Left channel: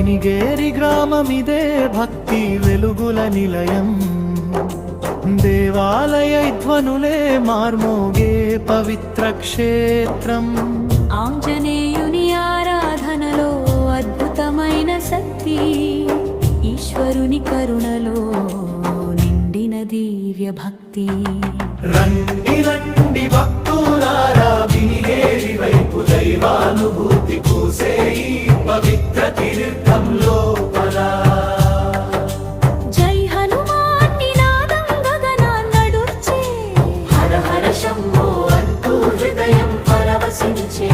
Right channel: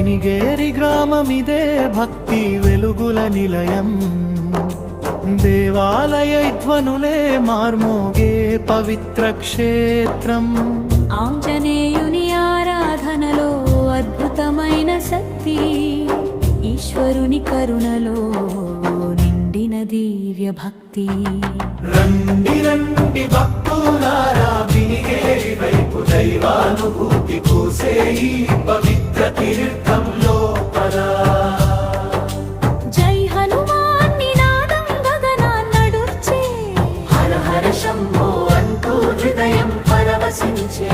వినిగేరి గ్రామమిదే భక్తి వెలుగుల నిలయం. దేవాలయ ధ్వనులే మార్మోగే పవిత్ర క్షేత్రం. ఆంజనేయుని ఆరాధనలో అద్భుతమైన శక్తి, ఈశ్వరుని కరుణలో నిండిన దివ్య భక్తి. రండి రండి భక్తులారా, వినిగేరి వైపు దైవానుభూతి పూసే ఈ పవిత్ర తీర్థం లోపల. జై హనుమాన్ నినాదం గగనాన్నడుర్చే, హర హర శంభో అంటూ హృదయం పరవశించే.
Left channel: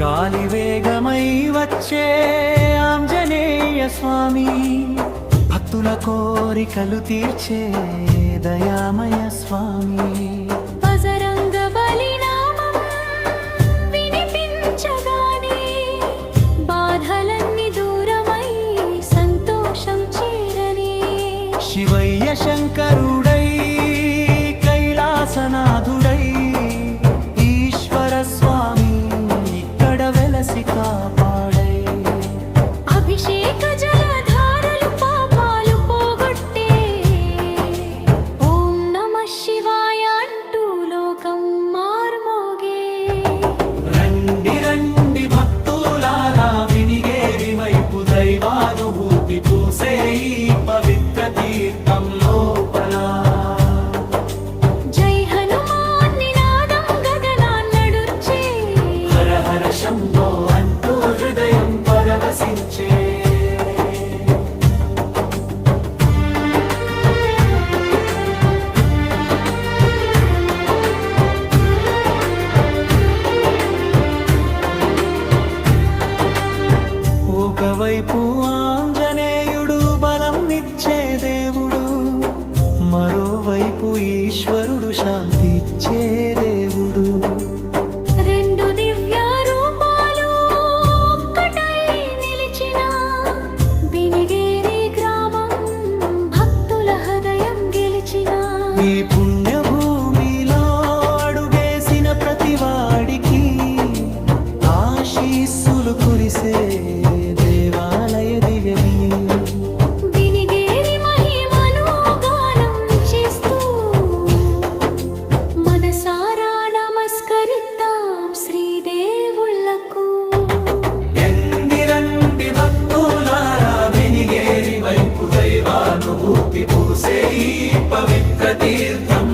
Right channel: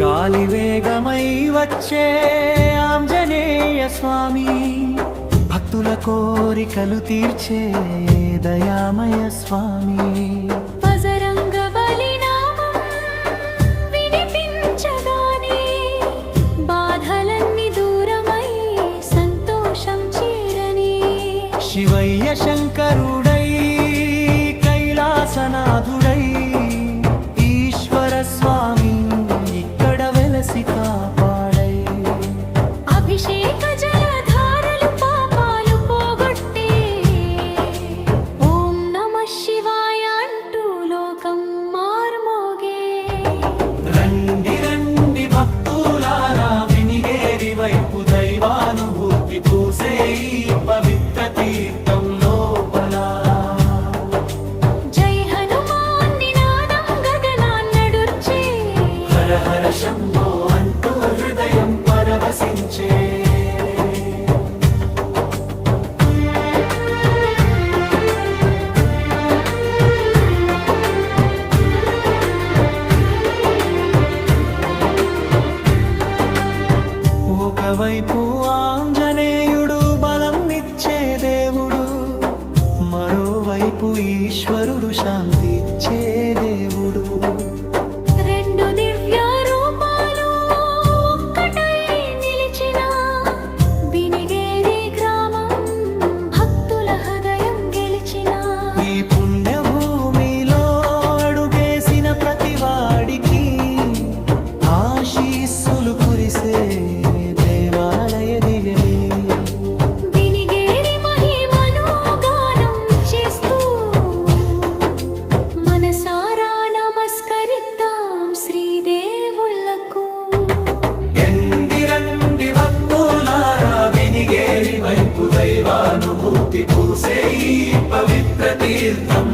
గాలి వేగమై వచ్చే ఆంజనేయ స్వామి, భక్తుల కోరికలు తీర్చే దయామయ స్వామి. బజరంగ బలి నామం వినిపించగానే బాధలన్నీ దూరమై సంతోషం చేరని. శివయ్య శంకరుడై కైలాసనాథుడై ఈశ్వర స్వామి ఇక్కడ వెలసి కాపాడై. అభిషేక జలధారలు పాపాలు పోగొట్టే, ఓం నమః శివాయ అంటూ లోకం మార్మోగే. రండి రండి భక్తులారా, వినిగేరి వైపు దైవానుభూతి పూసే ఈ పవిత్ర తీర్థం లోపల. జై హనుమాన్ నినాదం గగనాన్నడుర్చే, హర హర శంభో అంటూ హృదయం పరవశించే. ఒకవైపు ఆంజనేయుడు బలం నిచ్చే దేవుడు, మరోవైపు ఈశ్వరుడు శాంతి ఇచ్చే దేవుడు. రెండు దివ్య రూపాలు ఒక్కటై నిలిచిన బినిగేరి గ్రామం భక్తుల హృదయం గెలిచిన. ఈ పుణ్యభూమిలో అడుగేసిన ప్రతివాడికి ఆశీస్సులు కురిసే దేవాలయ దివ్యమి. బినిగేరి మహిమను గానం చేస్తూ మనసారా నమస్కరిద్దాం శ్రీదేవుళ్లకు. రండి రండి భక్తులారా, వినిగేరి వైపు దైవానుభూతి పూసే ఈ పవిత్ర తీర్థం